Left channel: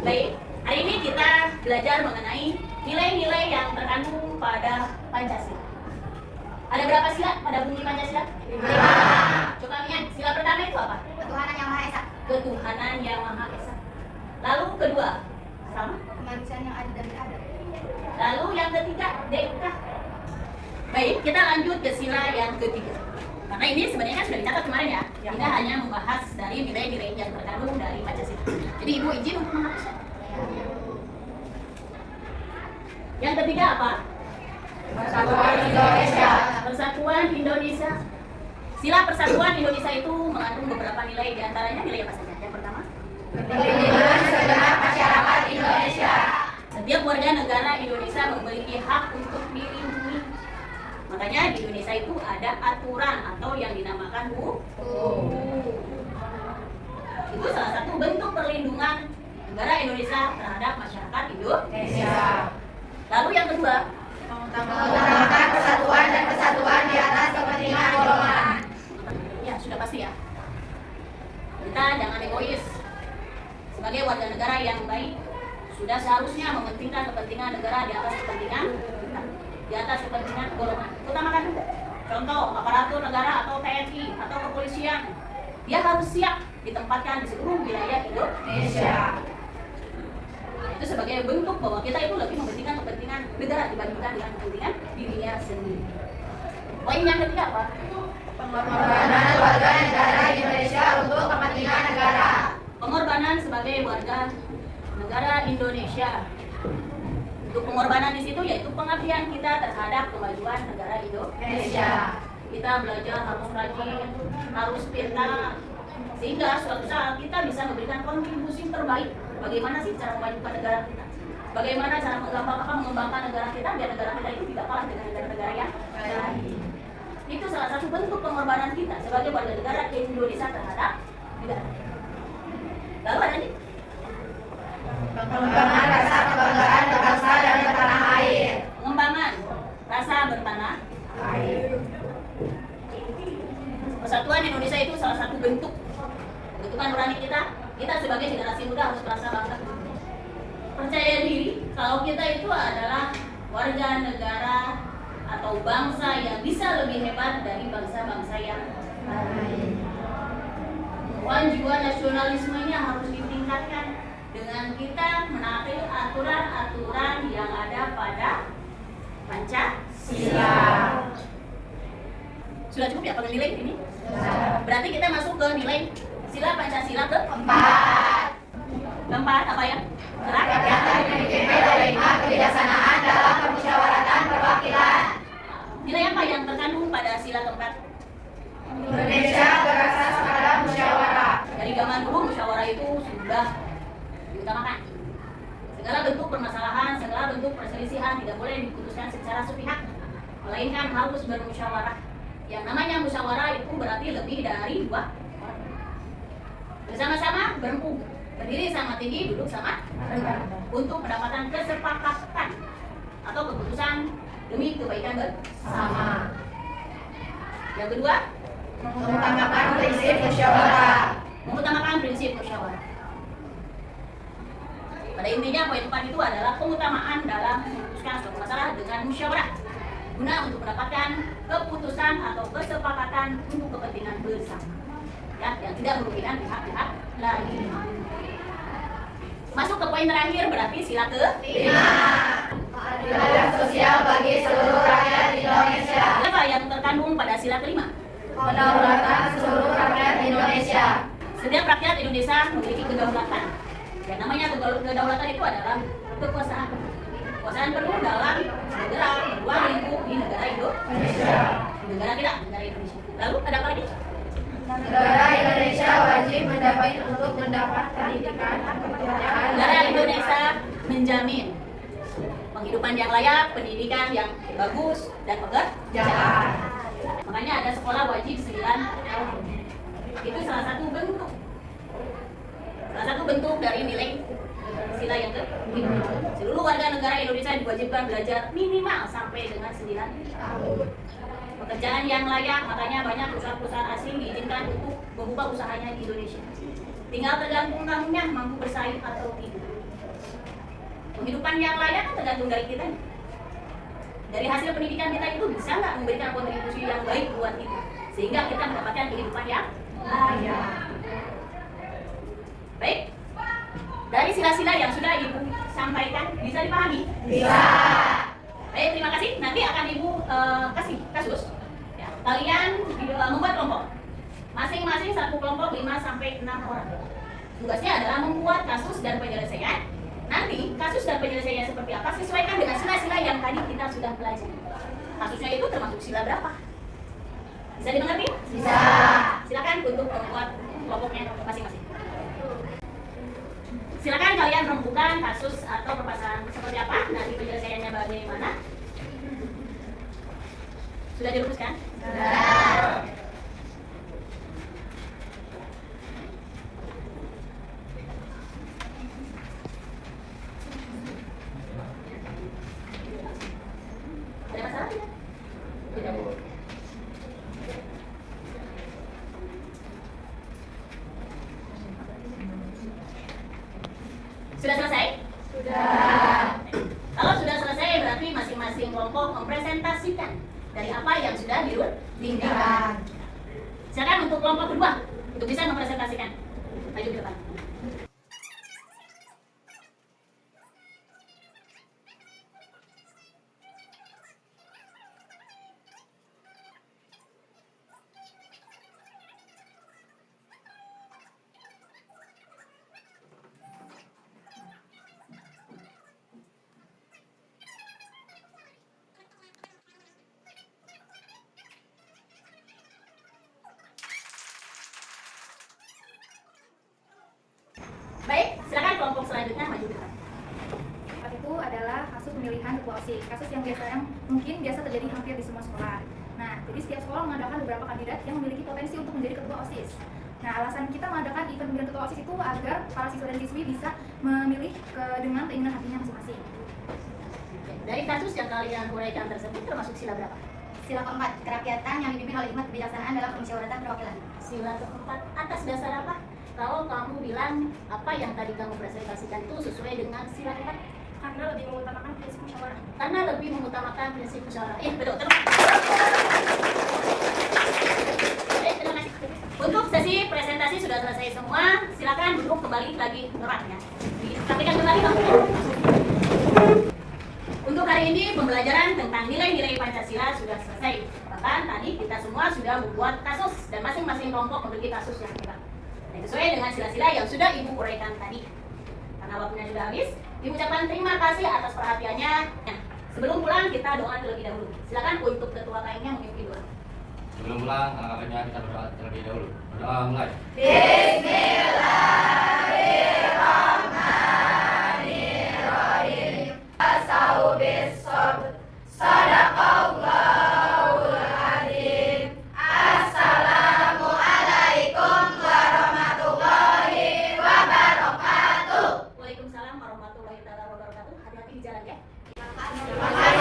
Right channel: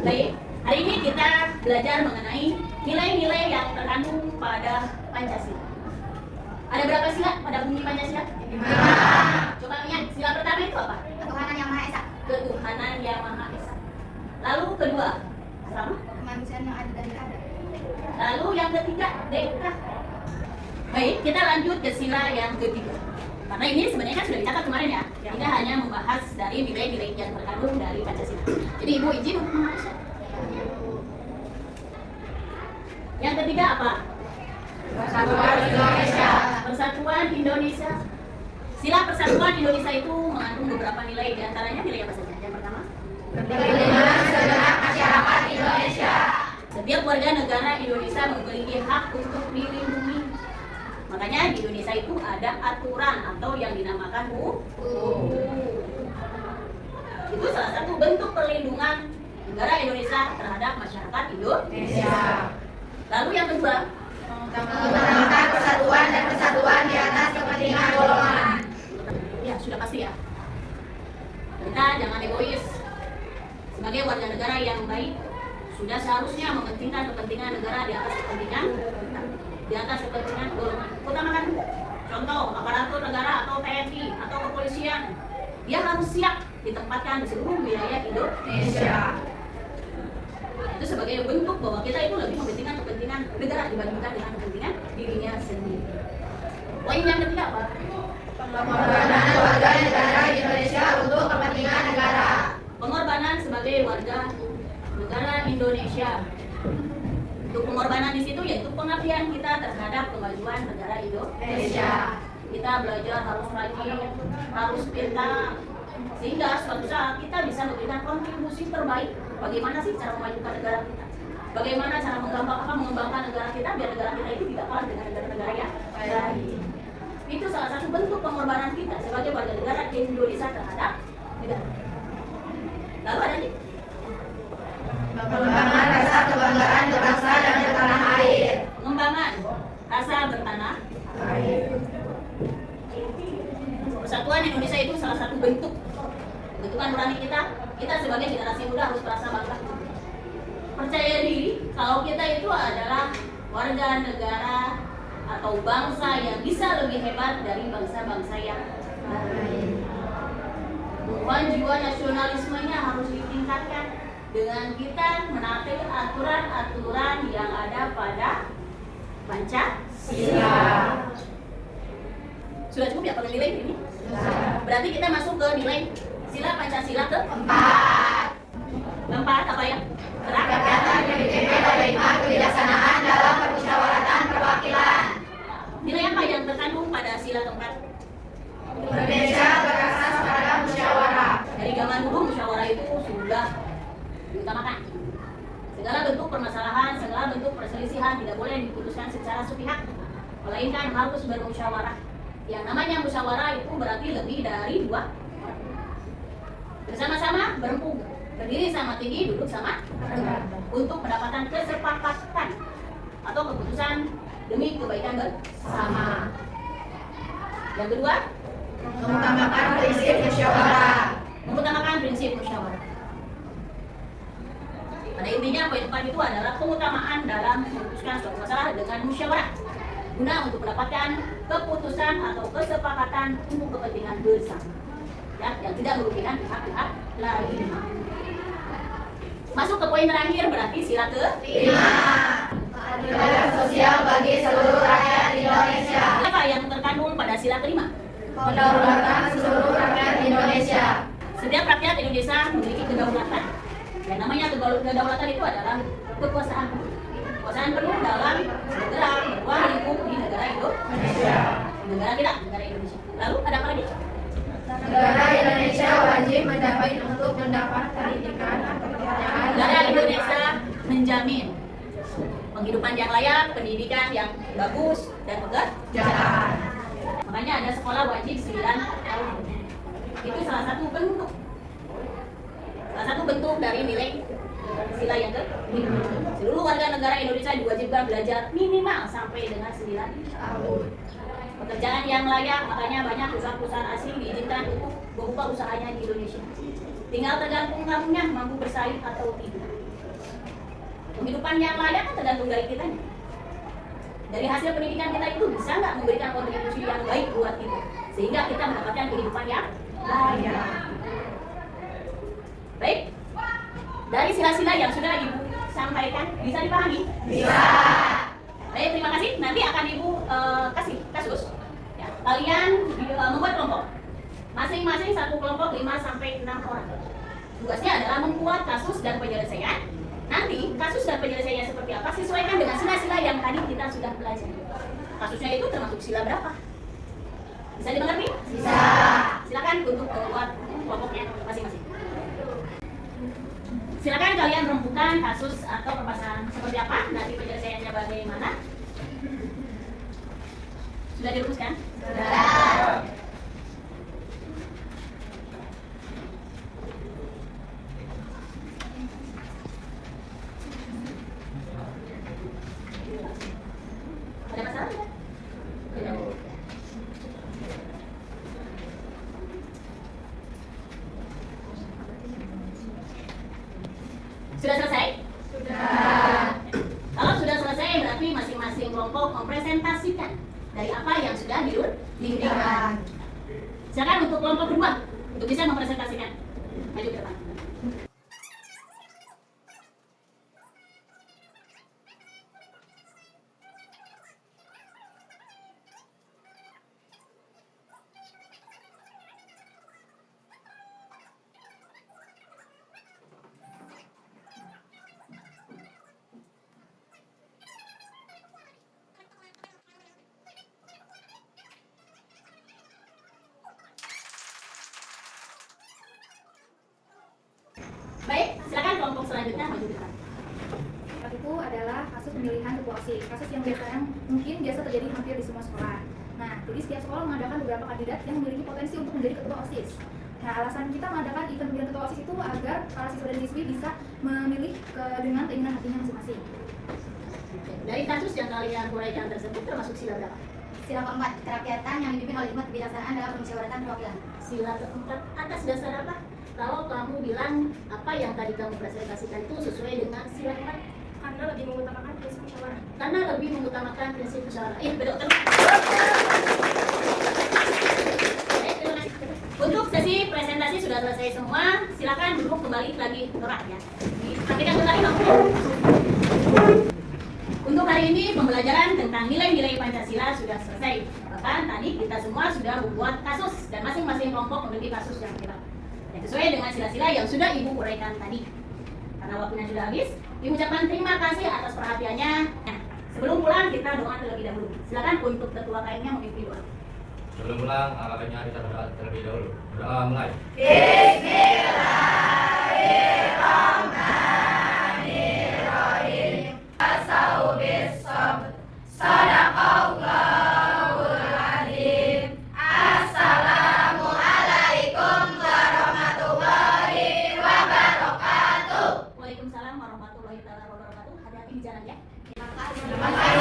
Baik, hari ini kita belajar mengenai nilai-nilai yang terkandung pada Pancasila. Ada berapa sila pada bunyi Pancasila? 5. Coba lihat, sila pertama itu apa? Ketuhanan yang Maha Esa. Ketuhanan yang Maha Esa. Lalu kedua, sama? Kemanusiaan yang adil dan beradab. Lalu yang ketiga, Deka. Baik, kita lanjut ke sila yang ketiga. Karena ini sebenarnya kan sudah dicatat kemarin ya. Kita hanya membahas dari nilai-nilai yang terkandung dari Pancasila. Jadi Ibu izin untuk menghapusnya. Yang ketiga apa? Persatuan Indonesia. Persatuan Indonesia. Sila Persatuan Indonesia itu mengandung beberapa nilai, diantaranya nilai apa saja? Yang pertama, Perlindungan segenap masyarakat Indonesia. setiap warga negara Indonesia memiliki hak untuk dilindungi. Makanya di Indonesia itu ada aturan atau yang dinamakan hukum. Itu salah satu bentuk perlindungan negara Indonesia terhadap masyarakat Indonesia. Lalu yang kedua, Mengutamakan persatuan dan kesatuan di atas kepentingan golongan. ya sudah pasti ya. Kita jangan egois. Sebagai warga negara yang baik, sudah seharusnya mementingkan kepentingan negara di atas kepentingan golongan. Utamakan dulu. Contoh, aparatur negara atau TNI atau kepolisian, dia harus siap ditempatkan di seluruh wilayah Indonesia. Itu sebagai bentuk bahwa kita itu lebih mementingkan kepentingan negara dibandingkan dengan kepentingan dirinya sendiri. Poin yang ketiga apa? Pengorbanan warga negara Indonesia untuk kepentingan negara. Pengorbanan sebagai warga negara Indonesia. Untuk pengorbanan di situ yaitu pengabdian kita terhadap kemajuan negara Indonesia. Kita belajar harus rajin, harus pintar, sehingga suatu saat kita bisa memberikan kontribusi terbaik. Bagaimana sih cara memajukan negara kita? Bagaimana cara mengembangkan negara kita biar negara kita itu tidak kalah dengan negara-negara yang lain? Itu salah satu bentuk pengorbanan kita sebagai warga negara Indonesia terhadap negara. Lalu ada nih, Pengembangan rasa kebanggaan berbangsa dan bertanah air. pengembangan rasa bertanah. Persatuan Indonesia itu salah satu bentuk pembentukan nurani kita. Kita sebagai generasi muda harus merasa bangga. Percaya diri kalau kita itu adalah warga negara atau bangsa yang bisa lebih hebat dari bangsa-bangsa yang lain. Bukan jiwa nasionalismenya harus ditingkatkan dengan kita menaati aturan-aturan yang ada pada Pancasila. Sudah cukup ya kalau nilai ini? Berarti kita masuk ke nilai sila Pancasila keempat apa ya? Rakyat yang dipimpin oleh hikmat kebijaksanaan dalam permusyawaratan perwakilan. Nilai apa yang terkandung pada sila keempat? Indonesia berasas pada musyawarah. Dari zaman dulu musyawarah itu sudah diutamakan. Segala bentuk permasalahan, segala bentuk perselisihan tidak boleh diputuskan secara sepihak, melainkan harus bermusyawarah. Yang namanya musyawarah itu berarti lebih dari dua orang. Bersama-sama berempuk, berdiri sama tinggi, duduk sama rendah, untuk mendapatkan kesepakatan atau keputusan demi kebaikan bersama. Yang kedua, Mengutamakan prinsip musyawarah. mengutamakan prinsip musyawarah. Pada intinya poin 4 itu adalah keutamaan dalam memutuskan suatu masalah dengan musyawarah guna untuk mendapatkan keputusan atau kesepakatan untuk kepentingan bersama, ya, yang tidak merugikan pihak-pihak lain. Masuk ke poin terakhir berarti sila ke-5. Keadilan sosial bagi seluruh rakyat Indonesia. Apa yang terkandung pada sila ke-5? Kedaulatan seluruh rakyat Indonesia. Setiap rakyat Indonesia memiliki kedaulatan. Yang namanya kedaulatan itu adalah kekuasaan. Kekuasaan penuh dalam bergerak, ruang lingkup di negara Indonesia. Negara Indonesia. Lalu ada apa lagi? Negara Indonesia wajib untuk mendapat pendidikan. Negara Indonesia menjamin penghidupan yang layak, pendidikan yang bagus, dan pekerjaan. Makanya ada sekolah wajib 9 tahun. Itu salah satu bentuk dari nilai sila yang ke-5. Seluruh warga negara Indonesia diwajibkan belajar minimal sampai dengan 9 tahun. Pekerjaan yang layak, makanya banyak perusahaan-perusahaan asing diizinkan untuk membuka usahanya di Indonesia. Tinggal tergantung kamunya mampu bersaing atau tidak. Penghidupan yang layak kan tergantung dari kita. Dari hasil pendidikan kita itu bisa nggak memberikan kontribusi yang baik buat kita, sehingga kita mendapatkan kehidupan yang layak. Baik, dari sila-sila yang sudah Ibu sampaikan, bisa dipahami? Bisa. Baik, terima kasih. Nanti akan Ibu kasih kasus. Ya, kalian membuat kelompok. Masing-masing satu kelompok 5-6 orang. Tugasnya adalah membuat kasus dan penyelesaian. Nanti kasus dan penyelesaiannya seperti apa sesuaikan dengan sila-sila yang tadi kita sudah pelajari. Kasusnya itu termasuk sila berapa? Bisa dimengerti? Bisa. Silakan untuk membuat kelompoknya masing-masing. Silakan kalian rembukan kasus atau permasalahan seperti apa, nanti penyelesaiannya bagaimana. Sudah dirumuskan? Sudah. Ada masalah tidak? Tidak. Sudah selesai? Sudah. Kalau sudah selesai berarti masing-masing kelompok mempresentasikan dari apa yang sudah dirundingkan. Silakan untuk kelompok kedua untuk bisa mempresentasikan. Maju ke depan. Baik, silakan kelompok selanjutnya maju ke depan. Itu adalah kasus pemilihan ketua OSIS, kasus yang mungkin biasa terjadi hampir di semua sekolah. Nah, jadi setiap sekolah mengadakan beberapa kandidat yang memiliki potensi untuk menjadi ketua OSIS. Nah, alasan kita mengadakan event pemilihan ketua OSIS itu agar para siswa dan siswi bisa memilih dengan keinginan hatinya masing-masing. Dari kasus yang kalian uraikan tersebut termasuk sila berapa? Sila keempat, kerakyatan yang dipimpin oleh hikmat kebijaksanaan dalam permusyawaratan perwakilan. Sila keempat atas dasar apa? Kalau kamu bilang apa yang tadi kamu presentasikan itu sesuai dengan sila keempat? Karena lebih mengutamakan prinsip musyawarah. Karena lebih mengutamakan prinsip musyawarah. Betul. Baik, terima kasih. Untuk sesi presentasi sudah selesai semua. Silakan duduk kembali lagi gerak ya. Sampaikan dulu lagi Bang. Untuk hari ini pembelajaran tentang nilai-nilai Pancasila sudah selesai. Bahkan tadi kita semua sudah membuat kasus dan masing-masing kelompok memiliki kasus yang hebat. Sesuai dengan sila-sila yang sudah Ibu uraikan tadi. Karena waktunya sudah habis, Ibu ucapkan terima kasih atas perhatiannya. Nah, sebelum pulang kita doa terlebih dahulu. Silakan untuk ketua KM-nya memimpin doa. Sebelum pulang, anggapannya kita berdoa terlebih dahulu. Berdoa mulai. Bismillahirrahmanirrahim. Sadaqallahul adzim. Assalamualaikum warahmatullahi wabarakatuh. Waalaikumsalam warahmatullahi wabarakatuh. Hati-hati di jalan ya. Terima kasih.